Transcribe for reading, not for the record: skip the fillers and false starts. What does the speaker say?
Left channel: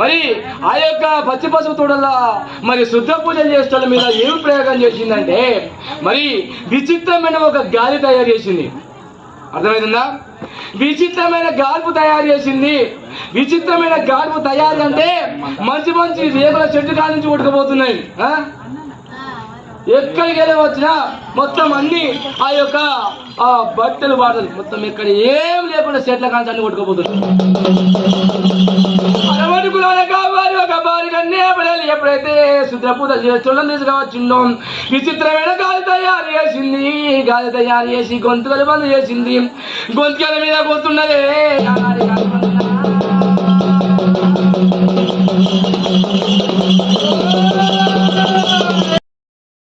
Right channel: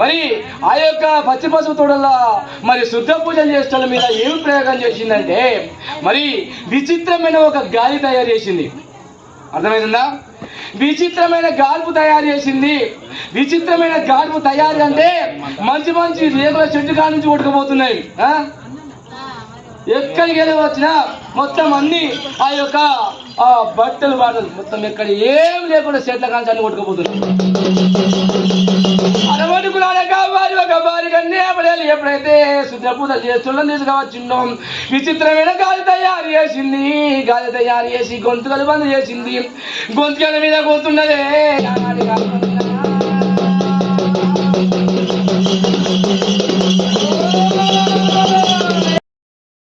మరి ఆ యొక్క పచ్చి పసుపు తోడల మరి శుద్ధ పూజలు చేసిన మీద ఏమి ప్రయోగం చేసిందంటే మరి విచిత్రమైన ఒక గాలి తయారు చేసింది. అర్థమైందా? విచిత్రమైన గాల్పు తయారు చేసింది. విచిత్రమైన గాల్పు తయారు అంటే మంచి మంచి రేగుల చెట్టు కాడ నుంచి కొట్టుకుపోతున్నాయి. ఎక్కడికి వెళ్ళి వచ్చినా మొత్తం అన్ని ఆ యొక్క బట్టలు బాటలు మొత్తం ఎక్కడ ఏం లేకుండా చెట్ల కాంచి అన్ని కొట్టుకుపోతున్నాయి. అరవడుకులాగా కావాలి ఒక బారి కన్నే పడాలి. ఎప్పుడైతే శుద్ధ పూజ చేస్తున్న తీసుకువచ్చిందో విచిత్రమైన గాలి తయారు చేసింది. గాలి తయారు చేసి గొంతుకలు బంద్ చేసింది. గొంతుకల మీద కూర్చున్నదే